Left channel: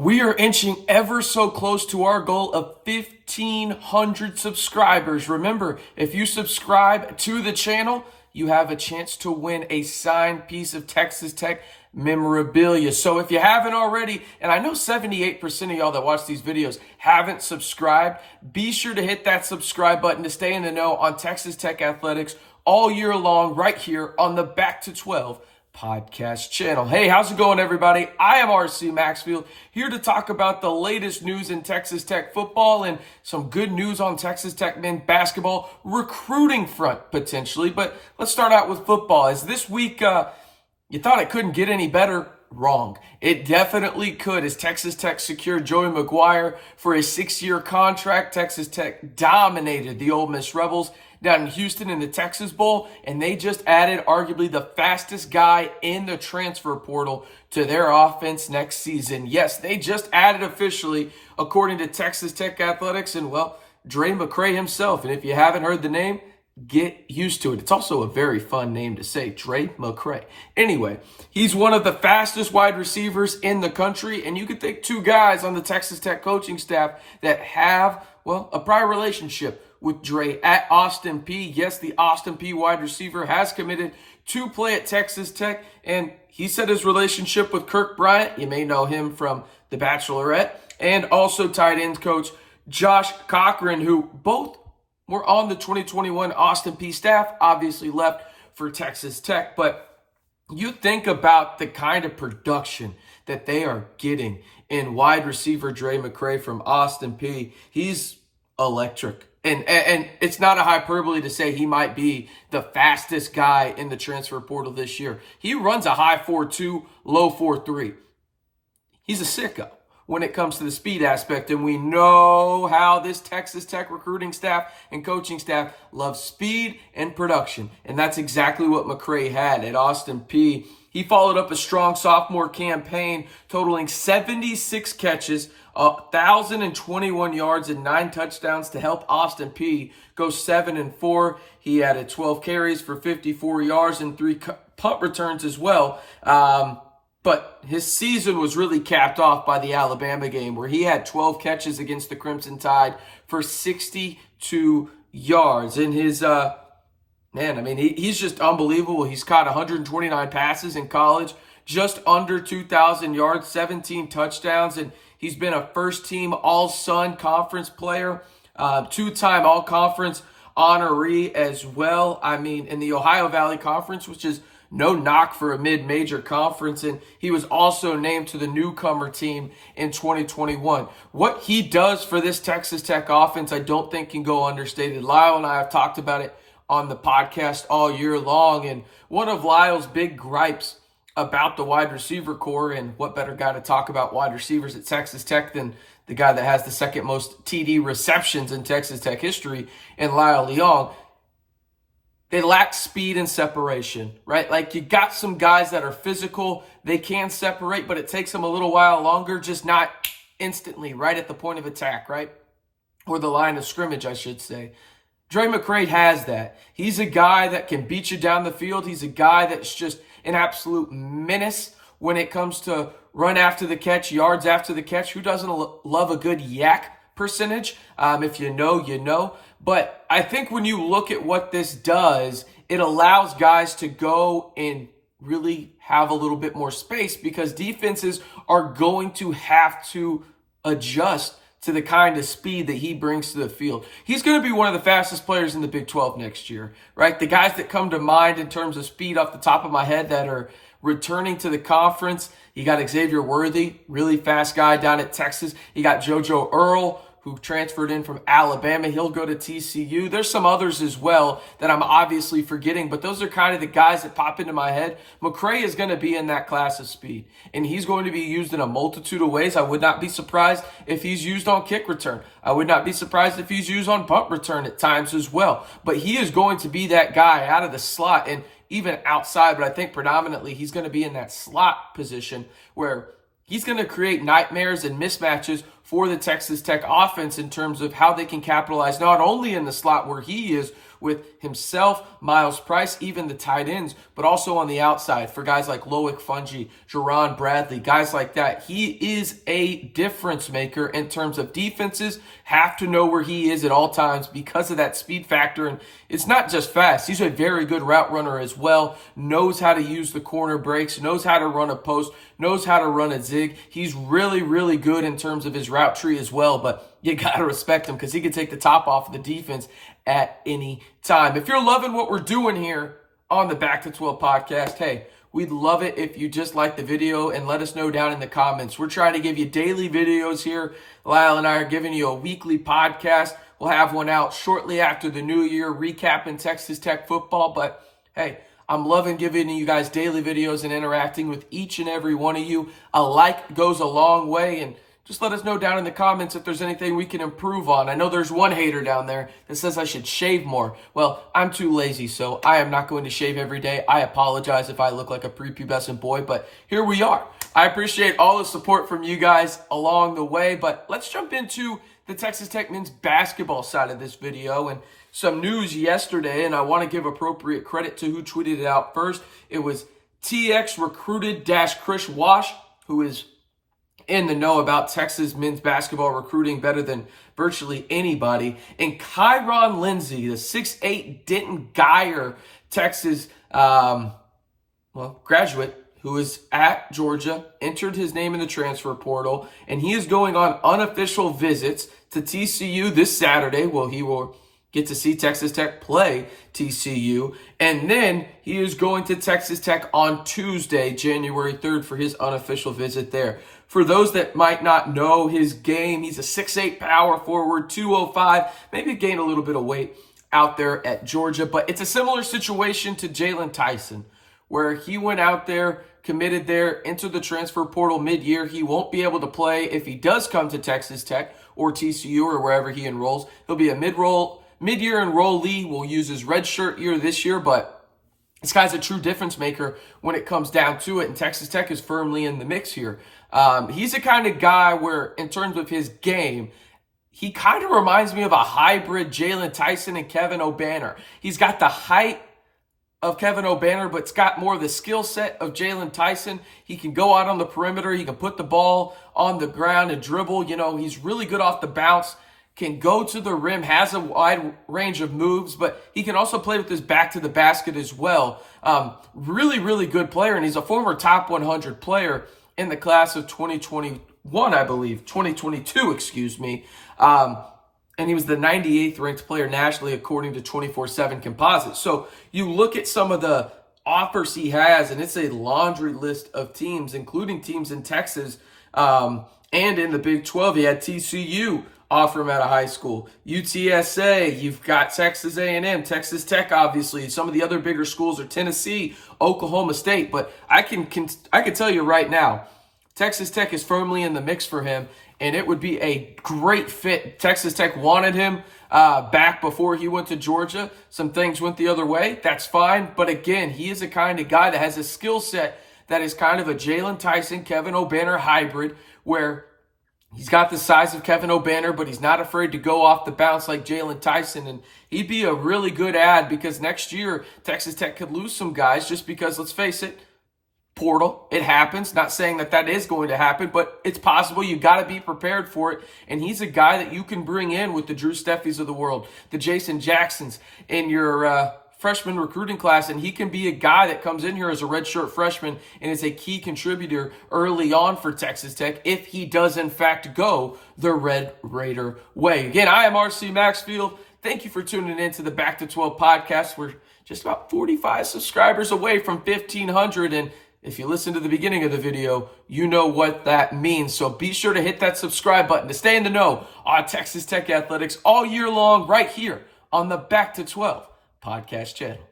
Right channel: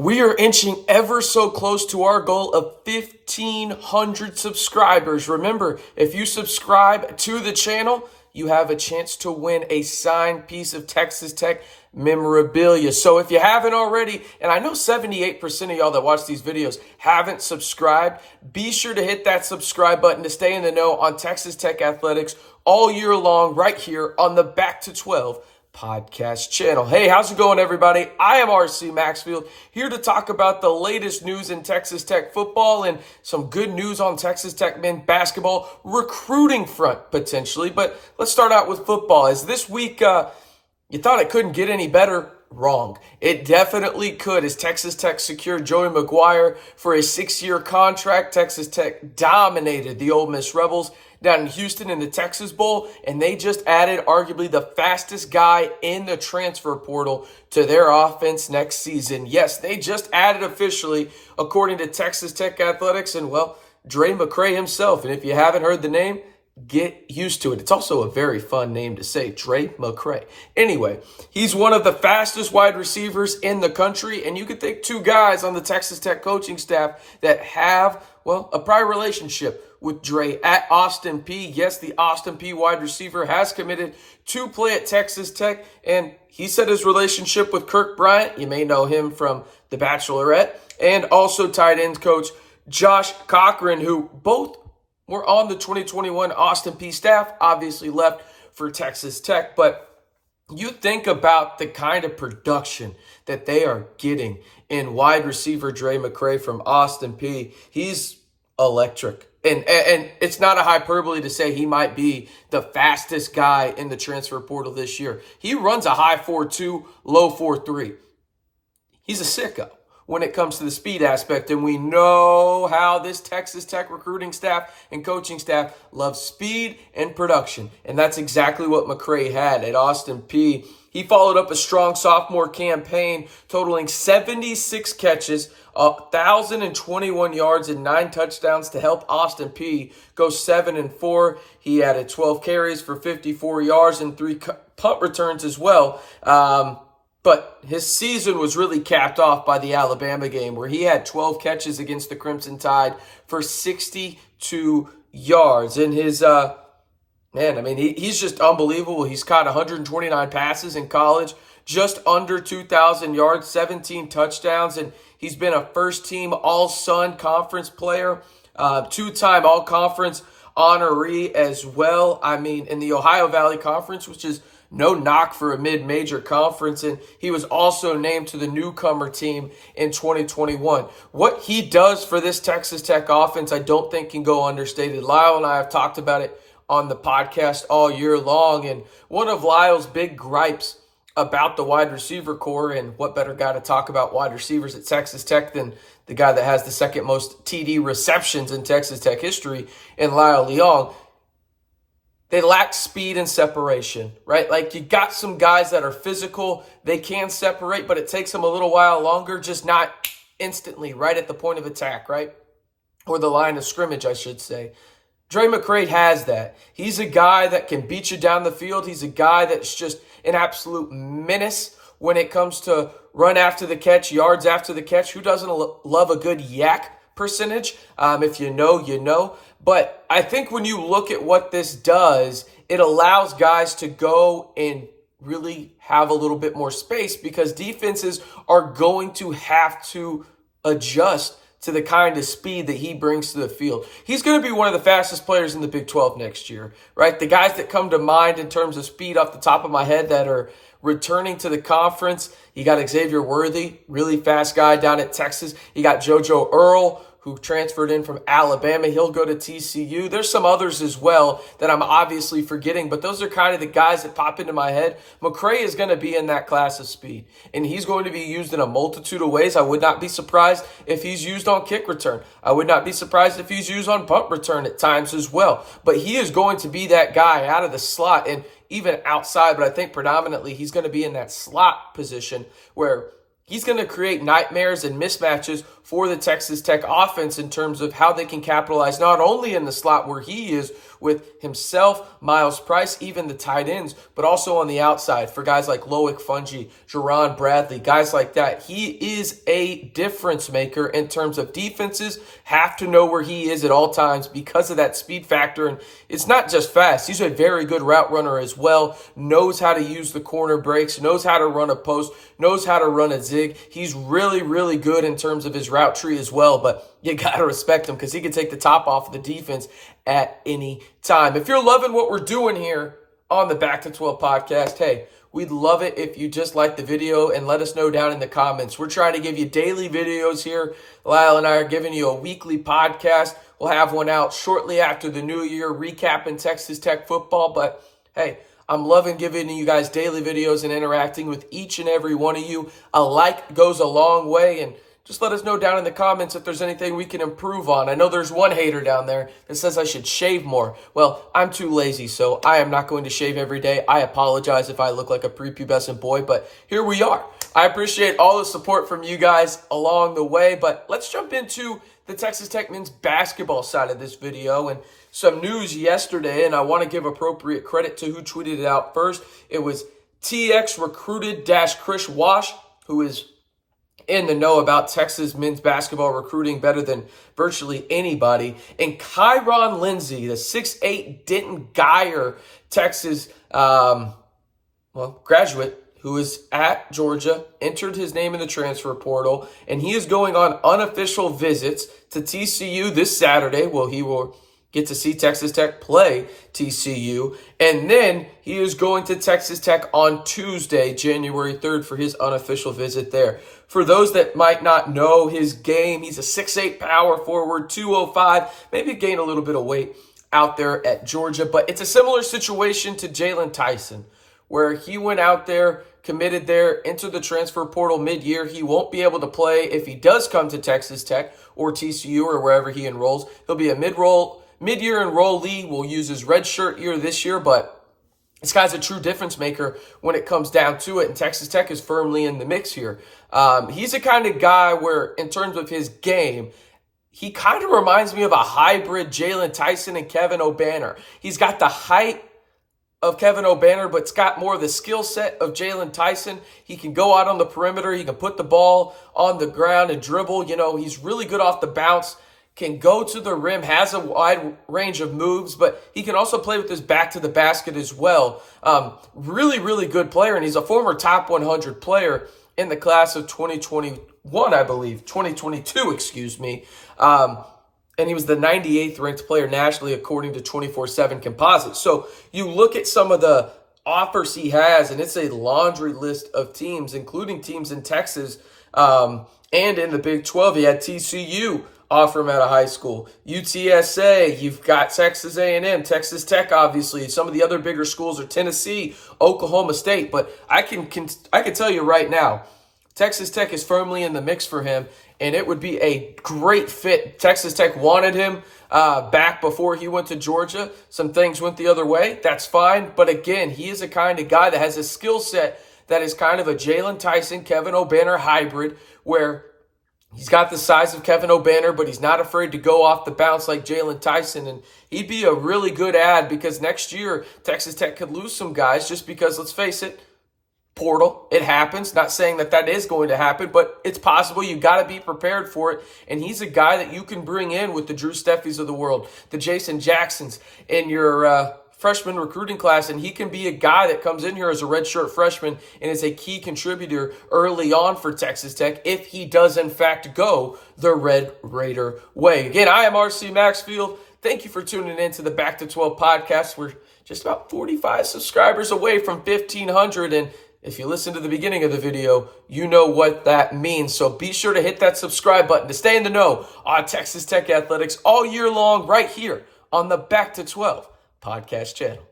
We are inching ever so close to our goal of 1,500 subscribers. Remember, if you subscribe to the channel, you have a chance to win a signed piece of Texas Tech memorabilia. So if you haven't already, and I know 78% of y'all that watch these videos haven't subscribed, be sure to hit that subscribe button to stay in the know on Texas Tech athletics all year long right here on the Back to 12 podcast channel. Hey, how's it going, everybody? I am RC Maxfield, here to talk about the latest news in Texas Tech football and some good news on Texas Tech men's basketball recruiting front, potentially. But let's start out with football. As this week, you thought it couldn't get any better? Wrong. It definitely could, as Texas Tech secured Drae McGuire for a 6-year contract. Texas Tech dominated the Ole Miss Rebels down in Houston in the Texas Bowl, and they just added arguably the fastest guy in the transfer portal to their offense next season. Yes, they just added officially, according to Texas Tech Athletics, and well, Drae McCray himself. And if you haven't heard the name, get used to it. It's also a very fun name to say, Drae McCray. Anyway, he's one of the fastest wide receivers in the country, and you could think two guys on the Texas Tech coaching staff that have, well, a prior relationship with Drae at Austin Peay. Yes, the Austin Peay wide receiver has committed to play at Texas Tech, and he said his relationship with Kirk Bryant, you may know him from The Bachelorette, and also tight ends coach Josh Cochran, who both were on the 2021 Austin Peay staff, obviously left for Texas Tech. But you think about the kind of production that they are getting in wide receiver Drae McCray from Austin Peay. He's electric. And it's not a hyperbole to say he might be the fastest guy in the transfer portal this year. He runs a high 4.2, low 4.3. He's a sicko when it comes to the speed aspect. And we know how this Texas Tech recruiting staff and coaching staff loves speed and production. And that's exactly what McCray had at Austin Peay. He followed up a strong sophomore campaign totaling 76 catches, 1,021 yards and 9 touchdowns to help Austin Peay go 7-4. He added 12 carries for 54 yards and 3 punt returns as well. But his season was really capped off by the Alabama game, where he had 12 catches against the Crimson Tide for 62 yards. And his, he's just unbelievable. He's caught 129 passes in college, just under 2,000 yards, 17 touchdowns, and he's been a first-team All-Sun Conference player, 2-time All-Conference honoree as well. In the Ohio Valley Conference, which is no knock for a mid-major conference, and he was also named to the newcomer team in 2021. What he does for this Texas Tech offense, I don't think can go understated. Lyle and I have talked about it on the podcast all year long, and one of Lyle's big gripes about the wide receiver core, and what better guy to talk about wide receivers at Texas Tech than the guy that has the second most TD receptions in Texas Tech history, in Lyle Leong. They lack speed and separation, right? Like, you got some guys that are physical, they can separate, but it takes them a little while longer, just not instantly, right at the point of attack, right? Or the line of scrimmage, I should say. Drae McCray has that. He's a guy that can beat you down the field. He's a guy that's just an absolute menace when it comes to run after the catch, yards after the catch. Who doesn't love a good yak percentage? If you know, you know. But I think when you look at what this does, it allows guys to go and really have a little bit more space, because defenses are going to have to adjust to the kind of speed that he brings to the field. He's going to be one of the fastest players in the Big 12 next year, right? The guys that come to mind in terms of speed off the top of my head that are returning to the conference, you got Xavier Worthy, really fast guy down at Texas. You got JoJo Earl, who transferred in from Alabama. He'll go to TCU. There's some others as well that I'm obviously forgetting, but those are kind of the guys that pop into my head. McCray is going to be in that class of speed, and he's going to be used in a multitude of ways. I would not be surprised if he's used on kick return. I would not be surprised if he's used on punt return at times as well. But he is going to be that guy out of the slot and even outside, but I think predominantly he's going to be in that slot position where he's going to create nightmares and mismatches for the Texas Tech offense in terms of how they can capitalize not only in the slot where he is, with himself, Miles Price, even the tight ends, but also on the outside for guys like Loic, Fouonji, Jerand, Bradley, guys like that. He is a difference maker in terms of defenses. Have to know where he is at all times because of that speed factor. And it's not just fast. He's a very good route runner as well. Knows how to use the corner breaks, knows how to run a post, knows how to run a zig. He's really, really good in terms of his route tree as well. But you got to respect him because he can take the top off of the defense at any time. If you're loving what we're doing here on the Back to 12 podcast, hey, we'd love it if you just like the video and let us know down in the comments. We're trying to give you daily videos here. Lyle and I are giving you a weekly podcast. We'll have one out shortly after the new year, recapping Texas Tech football. But hey, I'm loving giving you guys daily videos and interacting with each and every one of you. A like goes a long way, and just let us know down in the comments if there's anything we can improve on. I know there's one hater down there that says I should shave more. Well, I'm too lazy, so I am not going to shave every day. I apologize if I look like a prepubescent boy, but here we are. I appreciate all the support from you guys along the way, but let's jump into the Texas Tech men's basketball side of this video and some news yesterday, and I want to give appropriate credit to who tweeted it out first. It was TX Recruited Chris Wash, who is in the know about Texas men's basketball recruiting better than virtually anybody. And Kyron Lindsay, the 6'8" Denton Guyer, Texas graduate who is at Georgia, entered his name in the transfer portal, and he is going on unofficial visits to TCU this Saturday. Well, he will get to see Texas Tech play TCU. And then he is going to Texas Tech on Tuesday, January 3rd, for his unofficial visit there. For those that might not know his game, he's a 6'8" power forward, 205, maybe gained a little bit of weight out there at Georgia. But it's a similar situation to Jalen Tyson, where he went out there, committed there, entered the transfer portal mid-year. He won't be able to play if he does come to Texas Tech or TCU or wherever he enrolls. He'll be a mid-year enrollee. We'll use his red shirt year this year, but this guy's a true difference maker when it comes down to it, and Texas Tech is firmly in the mix here. He's the kind of guy where, in terms of his game, he kind of reminds me of a hybrid Jalen Tyson and Kevin Obanor. He's got the height of Kevin Obanor, but it's got more of the skill set of Jalen Tyson. He can go out on the perimeter. He can put the ball on the ground and dribble. You know, he's really good off the bounce, can go to the rim, has a wide range of moves, but he can also play with his back to the basket as well. Really, really good player, and he's a former top 100 player in the class of 2021, I believe, 2022, excuse me. And he was the 98th ranked player nationally according to 24/7 Composite. So you look at some of the offers he has, and it's a laundry list of teams, including teams in Texas and in the Big 12. He had TCU offer him out of high school, UTSA, you've got Texas A&M, Texas Tech, obviously. Some of the other bigger schools are Tennessee, Oklahoma State. But I can tell you right now, Texas Tech is firmly in the mix for him, and it would be a great fit. Texas Tech wanted him back before he went to Georgia. Some things went the other way. That's fine. But again, he is the kind of guy that has a skill set that is kind of a Jalen Tyson, Kevin Obanor hybrid, where he's got the size of Kevin Obanor, but he's not afraid to go off the bounce like Jalen Tyson. And he'd be a really good add because next year, Texas Tech could lose some guys just because, let's face it, portal, it happens. Not saying that is going to happen, but it's possible. You got to be prepared for it. And he's a guy that you can bring in with the Drew Steffies of the world, the Jason Jacksons in your freshman recruiting class, and he can be a guy that comes in here as a redshirt freshman and is a key contributor early on for Texas Tech if he does in fact go the Red Raider way. Again, I am RC Maxfield. Thank you for tuning in to the Back to 12 podcast. We're just about 45 subscribers away from 1,500, and if you listen to the beginning of the video, you know what that means. So be sure to hit that subscribe button to stay in the know on Texas Tech athletics all year long right here on the Back to 12 podcast channel.